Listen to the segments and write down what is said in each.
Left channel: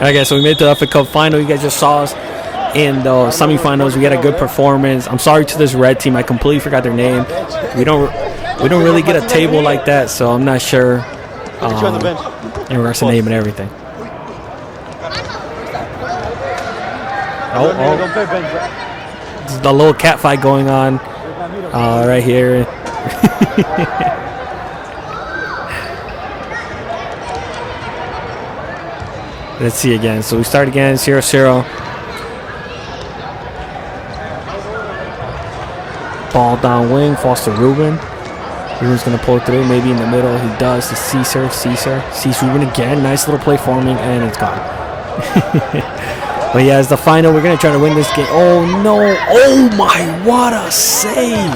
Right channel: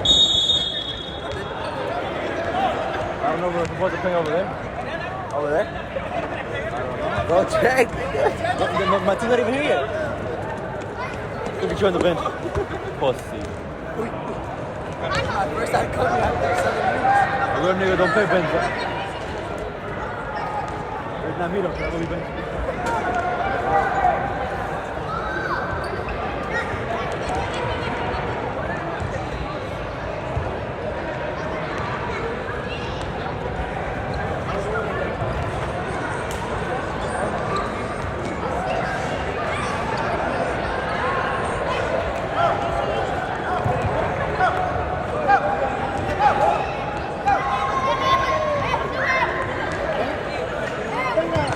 Okay, so we made the FA Cup final. You guys just saw us in the semifinals. We had a good performance. I'm sorry to this red team. I completely forgot their name. We don't really get a table like that, so I'm not sure in regards to name and everything. This is the little cat fight going on right here. Let's see again. So we start again, 0-0. Ball down wing, falls to Ruben. Ruben's going to pull through, maybe in the middle. He does to Caesar. Caesar sees Ruben again. Nice little play for me, and it's gone. But yeah, it's the final. We're going to try to win this game. Oh, no. Oh, my. What a save.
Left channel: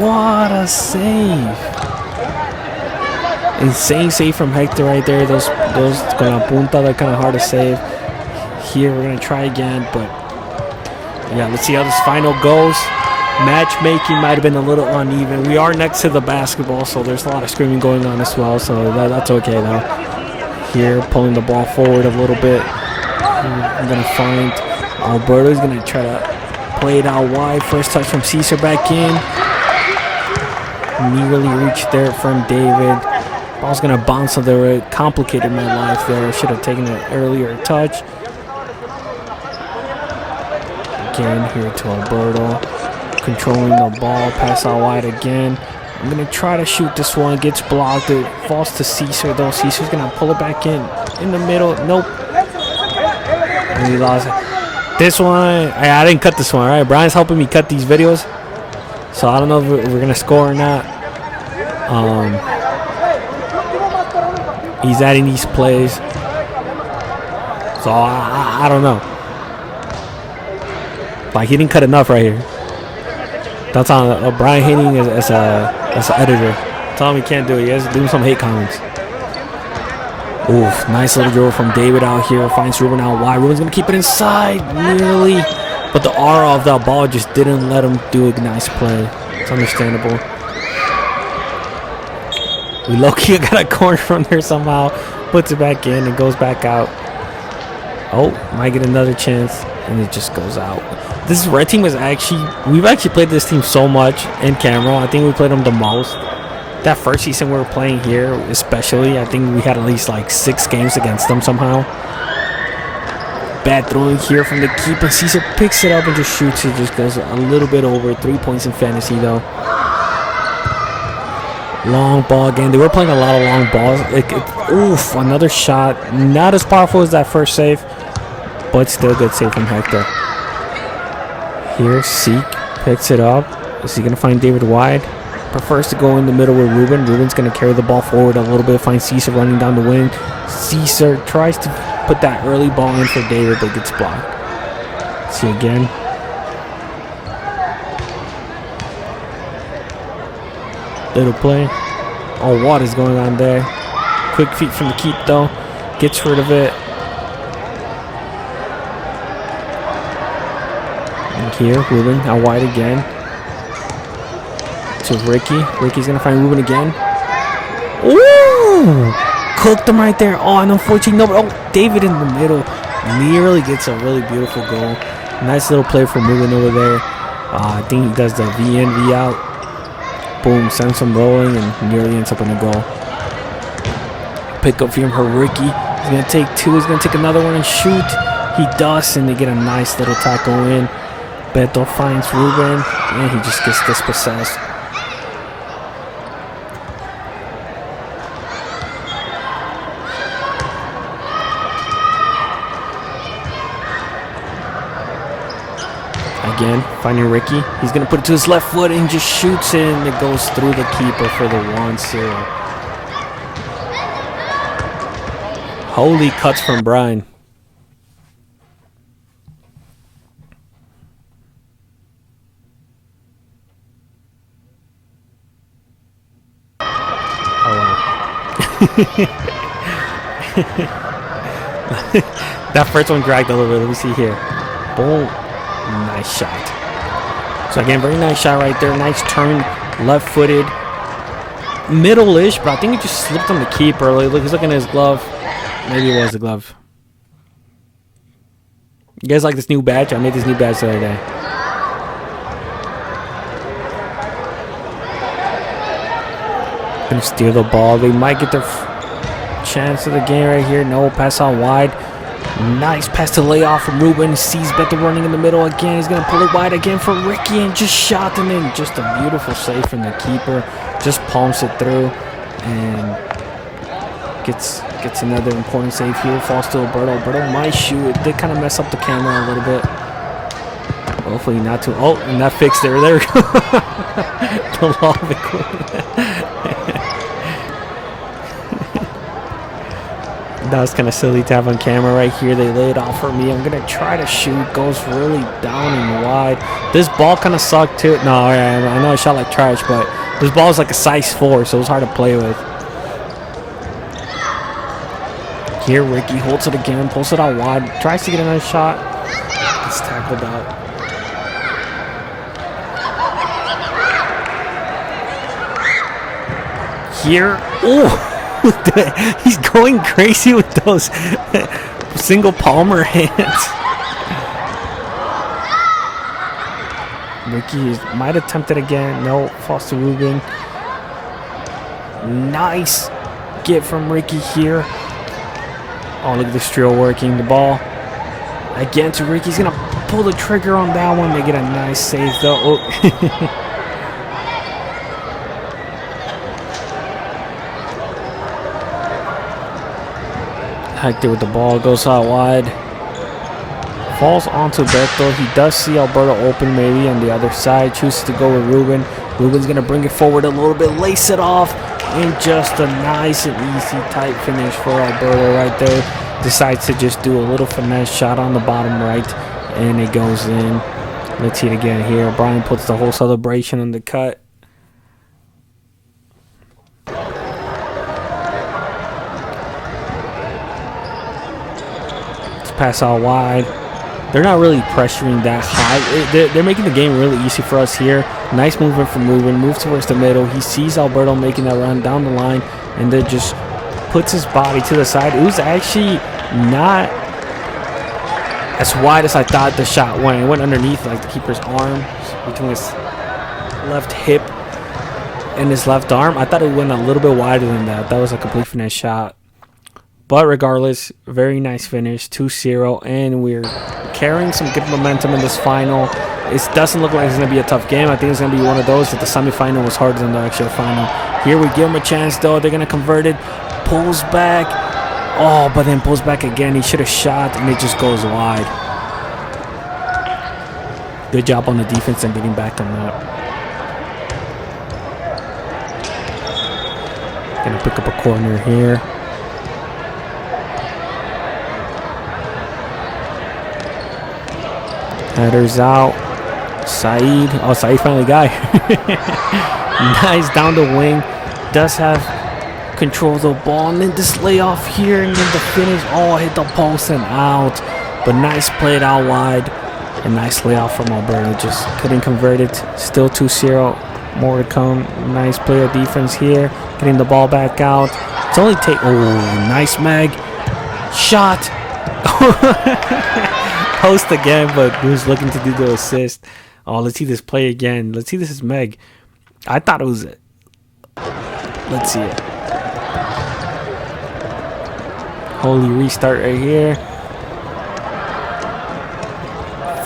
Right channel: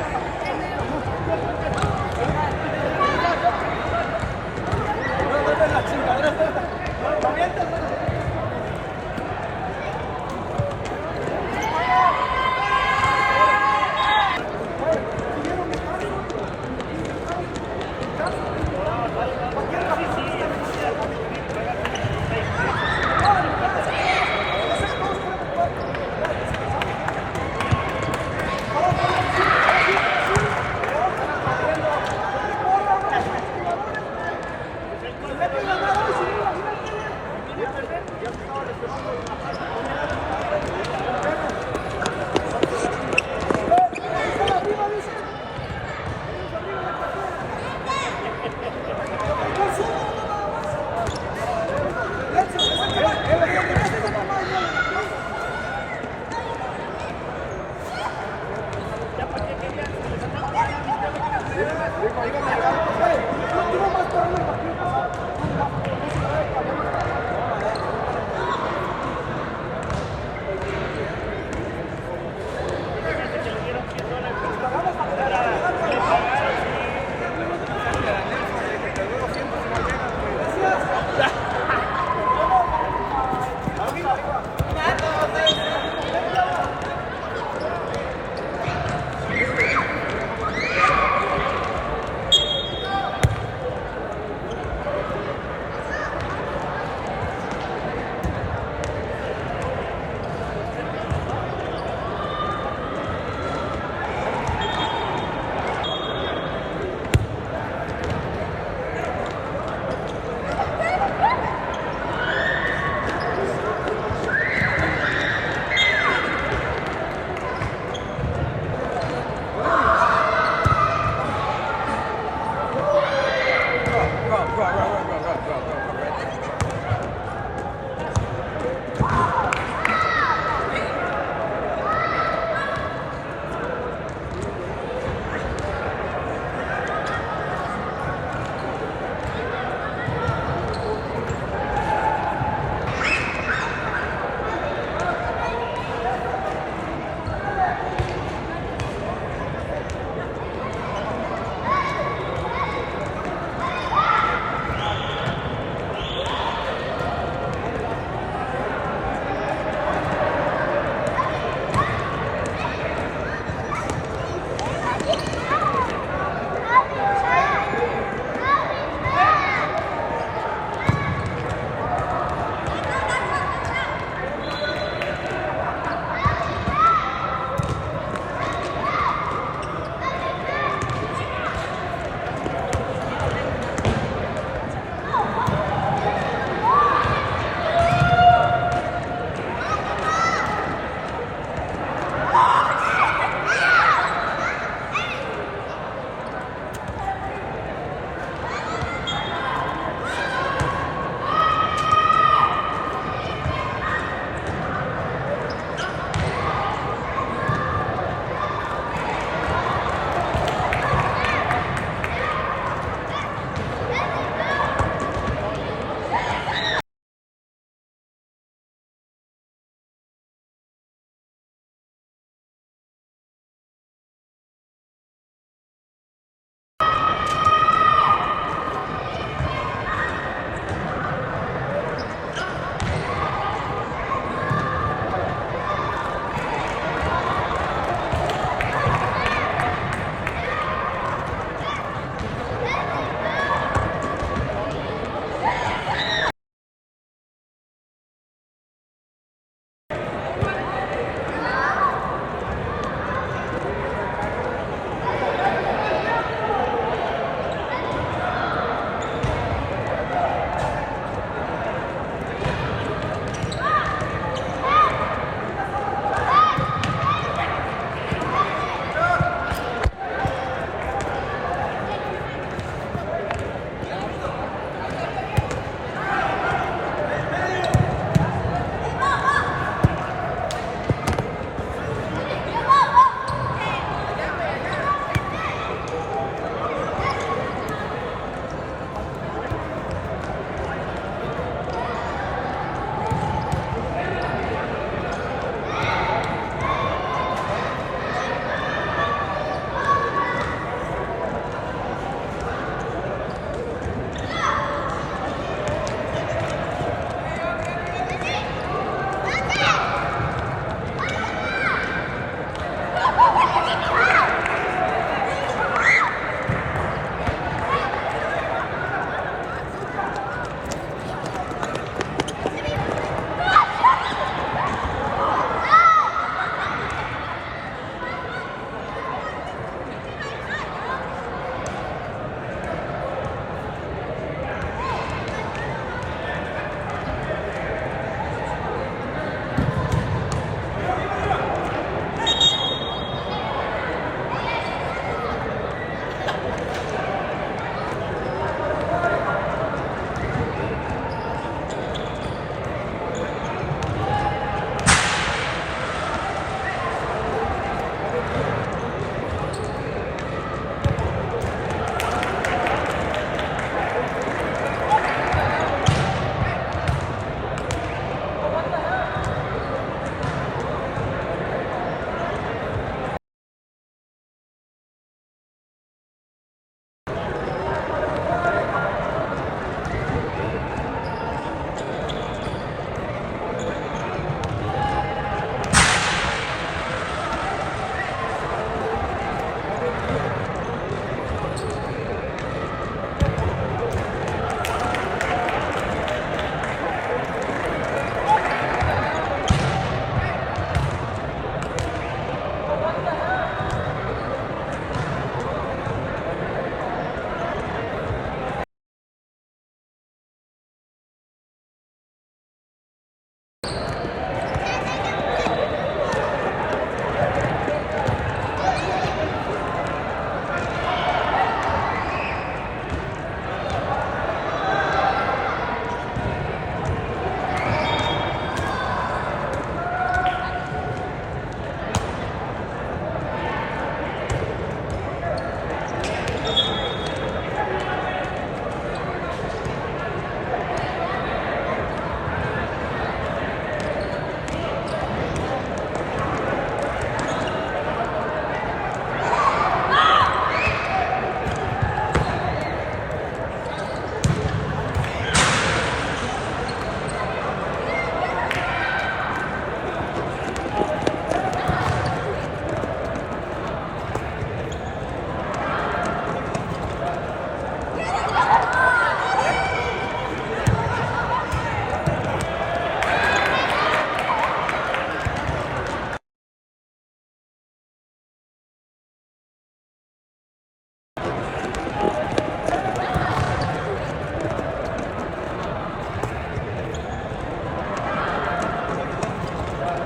What a save. Insane save from Hector right there. Those con la punta, they're kind of hard to save. Here, we're going to try again, but yeah, let's see how this final goes. Matchmaking might have been a little uneven. We are next to the basketball, so there's a lot of screaming going on as well, so that's okay though. Here, pulling the ball forward a little bit. I'm going to find Alberto's going to try to play it out wide. First touch from Caesar back in. Nearly reached there from David. Ball's going to bounce up there. It complicated my life there. Should have taken an earlier touch. Again, here to Alberto. Controlling the ball. Pass out wide again. I'm going to try to shoot this one. Gets blocked. It falls to Caesar, though. Caesar's going to pull it back in the middle. Nope. And we lost it. This one, I didn't cut this one, all right? Brian's helping me cut these videos. So I don't know if we're going to score or not. He's adding these plays. So I don't know. Like, he didn't cut enough right here. That's on Bryan hating as an editor. Tell him he can't do it. He has to do some hate comments. Oof, nice little dribble from David out here. Finds Ruben out wide. Ruben's going to keep it inside. Nearly. But the aura of that ball just didn't let him do a nice play. It's understandable. We low-key got a corner from there somehow. Puts it back in and goes back out. Oh, might get another chance. And it just goes out. This red team is we've actually played this team so much in camera. I think we played them the most. That first season we were playing here, especially, I think we had at least like 6 games against them somehow. Bad throwing here from the keeper. Caesar picks it up and just shoots it. Just goes a little bit over. 3 points in fantasy though. Long ball again. They were playing a lot of long balls. Oof, another shot. Not as powerful as that first save, but still good save from Hector. Here, Seek picks it up. Is he going to find David wide? Prefers to go in the middle with Ruben. Ruben's going to carry the ball forward a little bit. Finds Caesar running down the wing. Caesar tries to put that early ball in for David, but gets blocked. See again. Little play. Oh, what is going on there? Quick feet from the keep, though. Gets rid of it. Here, Ruben out wide again. To Ricky. Ricky's going to find Ruben again. Ooh! Cooked him right there. Oh, and unfortunately, no. Oh, David in the middle. Nearly gets a really beautiful goal. Nice little play from Ruben over there. I think he does the V in, V out. Boom, sends him rolling and nearly ends up in the goal. Pick up from her Ricky. He's going to take 2. He's going to take another one and shoot. He does, and they get a nice little tackle in. Beto finds Ruben, and he just gets dispossessed. Again, finding Ricky. He's going to put it to his left foot and just shoots it, and it goes through the keeper for the 1-0. Holy cuts from Bryan. That first one dragged a little bit. Let me see here. Boom. Nice shot. So again, very nice shot right there. Nice turn, left-footed, middle-ish, but I think he just slipped on the keeper. He's looking at his glove. Maybe it was the glove. You guys like this new badge? I made this new badge the other day. Gonna steal the ball. They might get their chance of the game right here. No, pass out wide. Nice pass to lay off from Ruben. He sees Beto running in the middle again. He's gonna pull it wide again from Ricky and just shot them in. Just a beautiful save from the keeper. Just palms it through and gets another important save here. Falls to Alberto. Alberto might shoot. It did kind of mess up the camera a little bit. Hopefully not too. Oh, and that fixed it. There we go. The law of equipment. That was kind of silly to have on camera right here. They laid off for me. I'm going to try to shoot. Goes really down and wide. This ball kind of sucked too. No, I know I shot like trash, but this ball is like a size 4, so it was hard to play with. Here, Ricky holds it again. Pulls it out wide. Tries to get another shot. Gets tackled out. Here. Ooh. He's going crazy with those single palmer hands. Ricky might attempt it again. No, falls to Ruben. Nice get from Ricky here. Oh, look at this drill working. The ball again to Ricky. He's going to pull the trigger on that one. They get a nice save though. Oh. Hacked it with the ball, goes out wide. Falls onto Beto. He does see Alberto open maybe on the other side. Chooses to go with Ruben. Ruben's going to bring it forward a little bit, lace it off, and just a nice and easy tight finish for Alberto right there. Decides to just do a little finesse shot on the bottom right, and it goes in. Let's see it again here. Bryan puts the whole celebration on the cut. Pass out wide. They're not really pressuring that high. They're making the game really easy for us here. Nice movement from Ruben. Moves towards the middle. He sees Alberto making that run down the line and then just puts his body to the side. It was actually not as wide as I thought the shot went. It went underneath like the keeper's arm, between his left hip and his left arm. I thought it went a little bit wider than that. That was a complete finesse shot. But regardless, very nice finish, 2-0, and we're carrying some good momentum in this final. It doesn't look like it's going to be a tough game. I think it's going to be one of those that the semifinal was harder than the actual final. Here we give him a chance, though. They're going to convert it. Pulls back. Oh, but then pulls back again. He should have shot, and it just goes wide. Good job on the defense and getting back on that. Going to pick up a corner here. Headers out. Saeed. Oh, Saeed finally got it. Nice down the wing. Does have control of the ball. And then this layoff here. And then the finish. Oh, hit the post and out. But nice played out wide. And nice layoff from Alberto. Just couldn't convert it. Still 2-0. More to come. Nice play of defense here. Getting the ball back out. It's only take. Oh, nice Meg. Shot. Post again, but who's looking to do the assist? Oh, let's see this play again. Let's see this is Meg. I thought it was. Let's see it. Holy restart right here.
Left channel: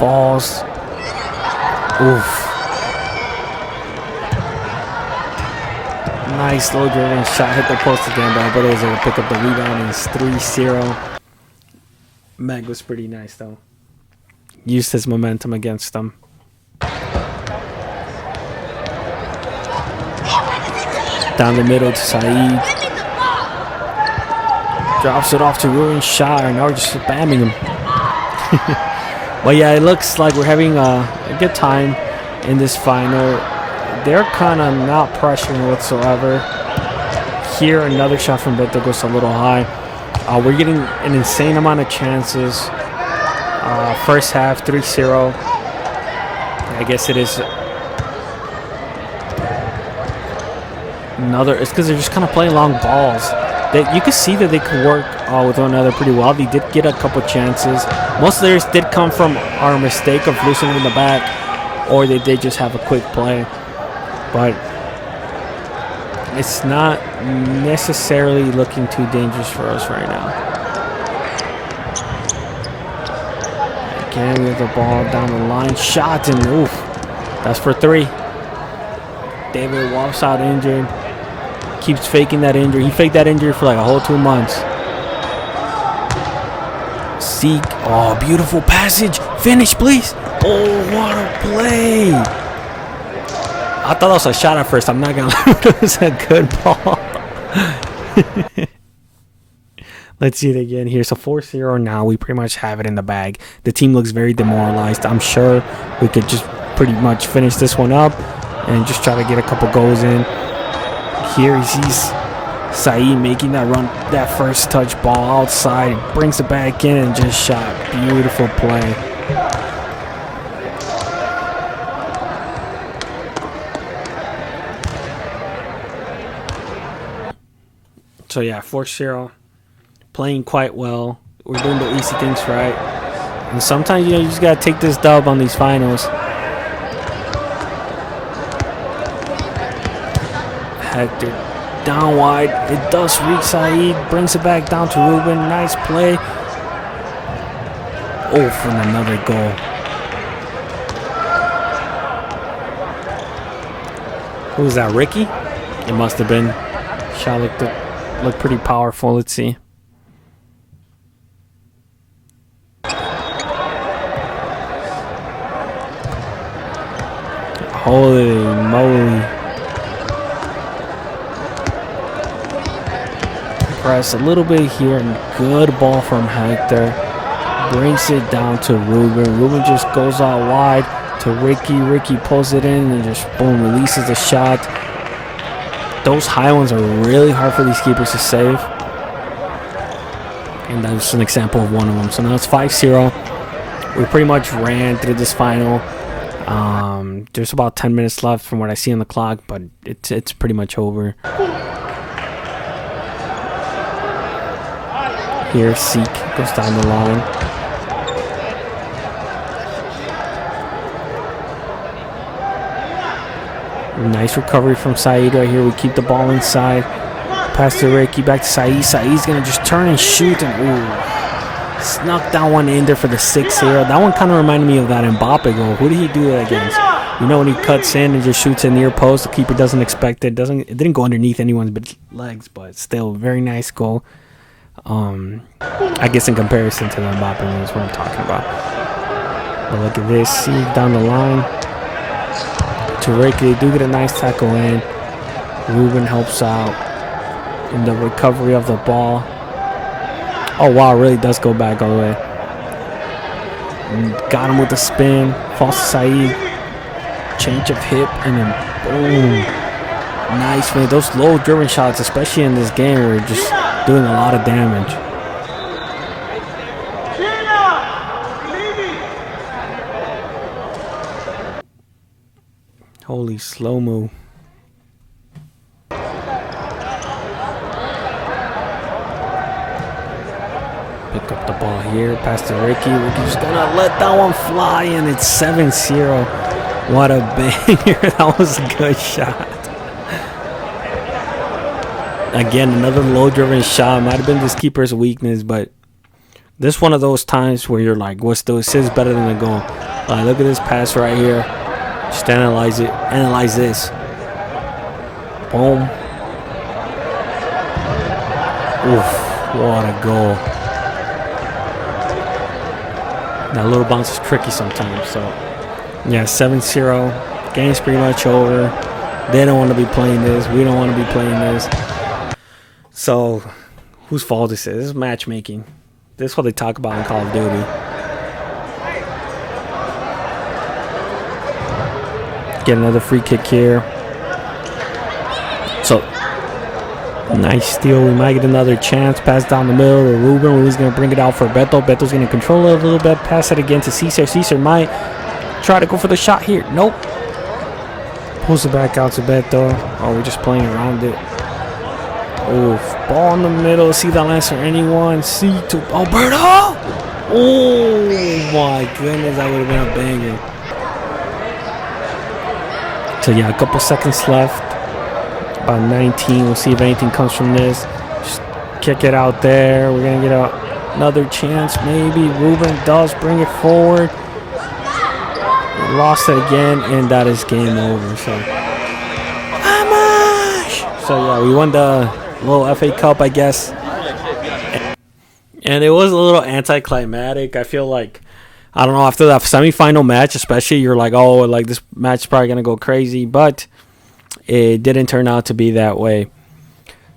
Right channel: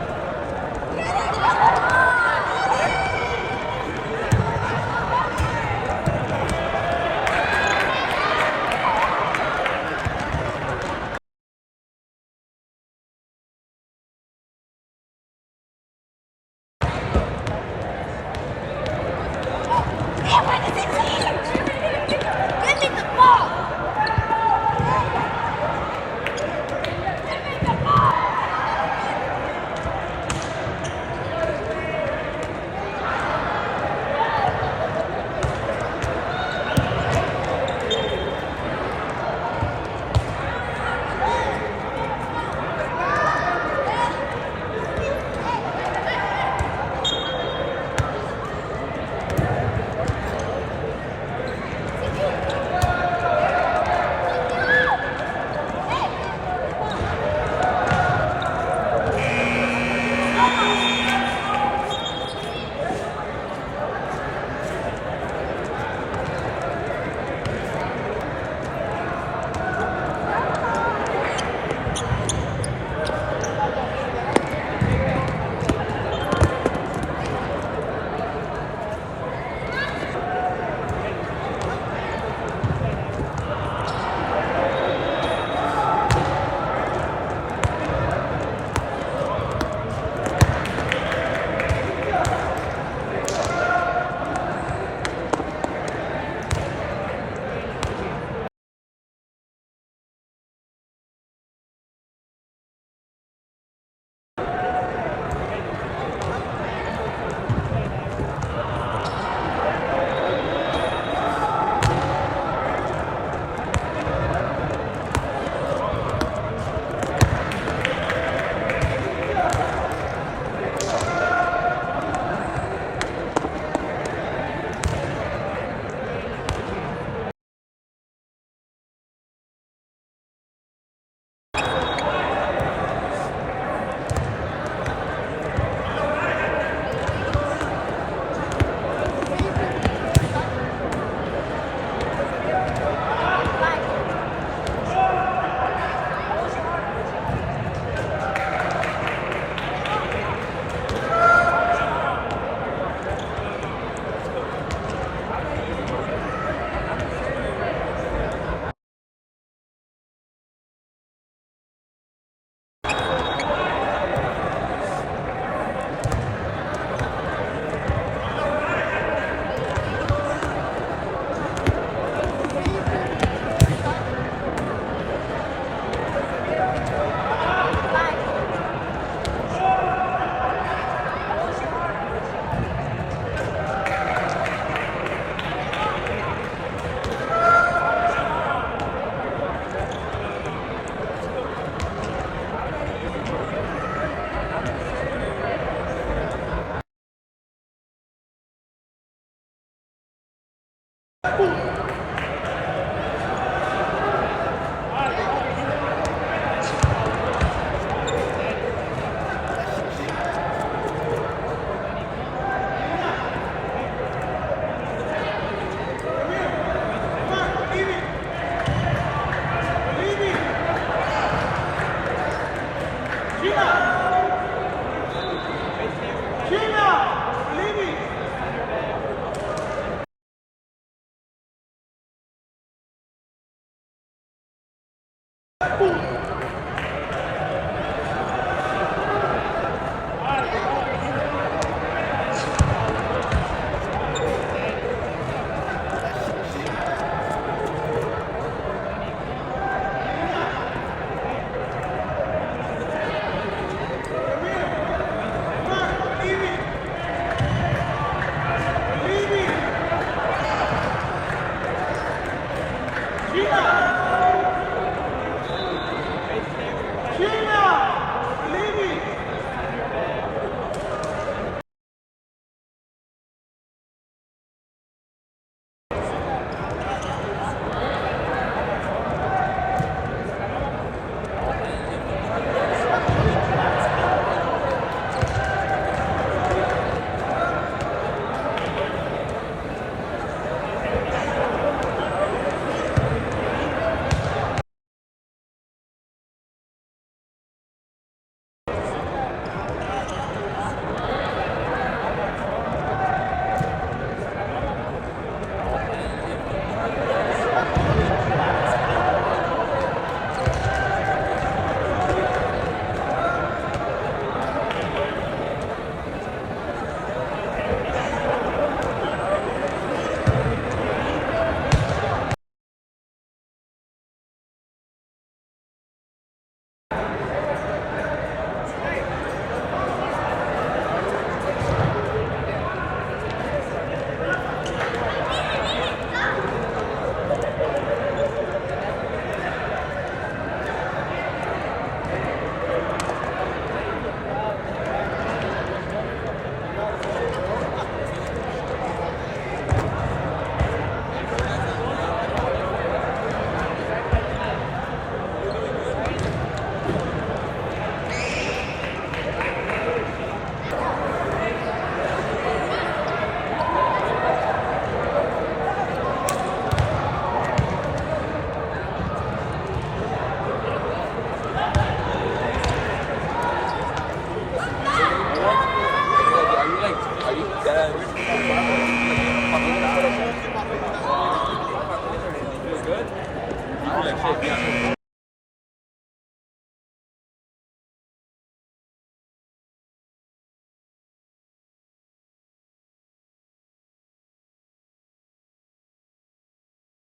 Falls. Oof. Nice slow driven shot. Hit the post again, but was able to pick up the rebound, and it's 3-0. Meg was pretty nice though. Used his momentum against them. Down the middle to Saeed. Drops it off to Ruben. Shot, and now we're just spamming him. Well, yeah, it looks like we're having a good time in this final. They're kind of not pressuring whatsoever. Here, another shot from Beto goes a little high. We're getting an insane amount of chances. First half, 3-0. I guess it is another. It's because they're just kind of playing long balls. you could see that they could work with one another pretty well. They did get a couple chances. Most of theirs did come from our mistake of losing in the back, or they did just have a quick play. But it's not necessarily looking too dangerous for us right now. Again, we have the ball down the line. Shot, and oof. That's for 3. David walks out injured. Keeps faking that injury. He faked that injury for like a whole 2 months. Seek. Oh, beautiful passage. Finish, please. Oh, what a play. I thought that was a shot at first. I'm not going to lie. It was a good ball. Let's see it again here. So 4-0 now. We pretty much have it in the bag. The team looks very demoralized. I'm sure we could just pretty much finish this one up and just try to get a couple goals in. Here he sees Saeed making that run, that first touch ball outside, brings it back in and just shot. Beautiful play. So yeah, 4-0, playing quite well. We're doing the easy things right. And sometimes, you just gotta take this dub on these finals. Hector down wide. It does reach Saeed. Brings it back down to Ruben. Nice play. Oh, for another goal. Who was that, Ricky? It must have been. Shot looked pretty powerful. Let's see. Holy moly. Press a little bit here, and good ball from Hector. Brings it down to Ruben. Ruben just goes out wide to Ricky. Ricky pulls it in and just boom, releases the shot. Those high ones are really hard for these keepers to save. And that's an example of one of them. So now it's 5-0. We pretty much ran through this final. There's about 10 minutes left from what I see on the clock, but it's pretty much over. Here, Seek goes down the line. Nice recovery from Saeed right here. We keep the ball inside. Pass to Ricky, back to Saeed. Saeed's going to just turn and shoot, and ooh. Snuck that one in there for the 6-0. That one kind of reminded me of that Mbappe goal. Who did he do that against? You know, when he cuts in and just shoots a near post, the keeper doesn't expect it. It didn't go underneath anyone's legs, but still, very nice goal. I guess in comparison to the Mbappe one is what I'm talking about. But look at this. See down the line. To Ricky, they do get a nice tackle in. Ruben helps out in the recovery of the ball. Oh wow, it really does go back all the way. Got him with the spin. Falls to Saeed. Change of hip, and then boom. Nice, man. Those low driven shots, especially in this game, are just doing a lot of damage. Holy slow-mo. Pick up the ball here, pass to Ricky. Ricky's gonna let that one fly, and it's 7-0. What a banger. That was a good shot. Again, another low-driven shot. Might have been this keeper's weakness, but this is one of those times where you're like, what's the assist better than the goal? Look at this pass right here. Just analyze it. Analyze this. Boom. Oof. What a goal. That little bounce is tricky sometimes. So, yeah, 7-0. Game's pretty much over. They don't want to be playing this. We don't want to be playing this. So, whose fault this is? This is matchmaking. This is what they talk about in Call of Duty. Get another free kick here. So, nice steal. We might get another chance. Pass down the middle to Ruben. Ruben's going to bring it out for Beto. Beto's going to control it a little bit. Pass it again to Cesar. Cesar might try to go for the shot here. Nope. Pulls it back out to Beto. Oh, we're just playing around it. Oof, ball in the middle. See that lance for anyone. See to Alberto. Oh my goodness, that would have been a banger. So yeah, a couple seconds left. About 19. We'll see if anything comes from this. Just kick it out there. We're gonna get another chance, maybe. Ruben does bring it forward. We lost it again, and that is game over. So yeah, we won the little FA Cup, I guess. And it was a little anticlimactic. I feel like, I don't know, after that semifinal match, especially, you're like, oh, like this match is probably going to go crazy. But it didn't turn out to be that way.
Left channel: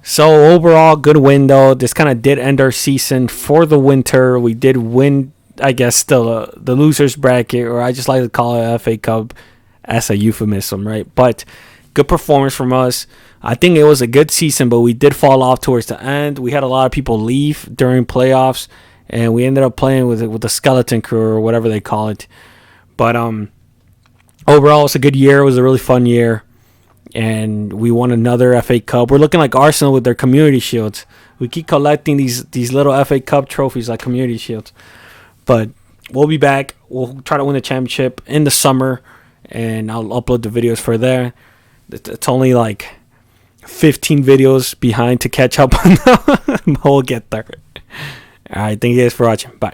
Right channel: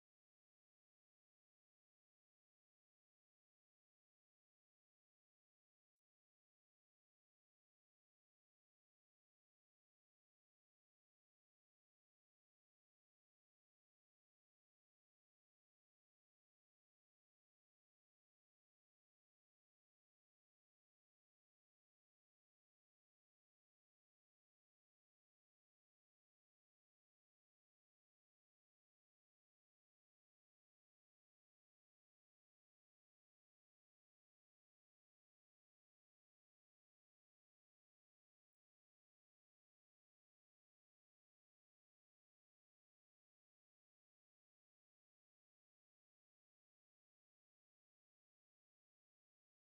So overall, good win, though. This kind of did end our season for the winter. We did win, I guess, still the loser's bracket, or I just like to call it FA Cup as a euphemism, right? But good performance from us. I think it was a good season, but we did fall off towards the end. We had a lot of people leave during playoffs, and we ended up playing with the skeleton crew or whatever they call it. But overall, it's a good year. It was a really fun year, and we won another FA Cup. We're looking like Arsenal with their community shields. We keep collecting these little FA Cup trophies like community shields. But we'll be back. We'll try to win the championship in the summer, and I'll upload the videos for there. It's only like 15 videos behind to catch up on. We'll get there. All right, thank you guys for watching. Bye.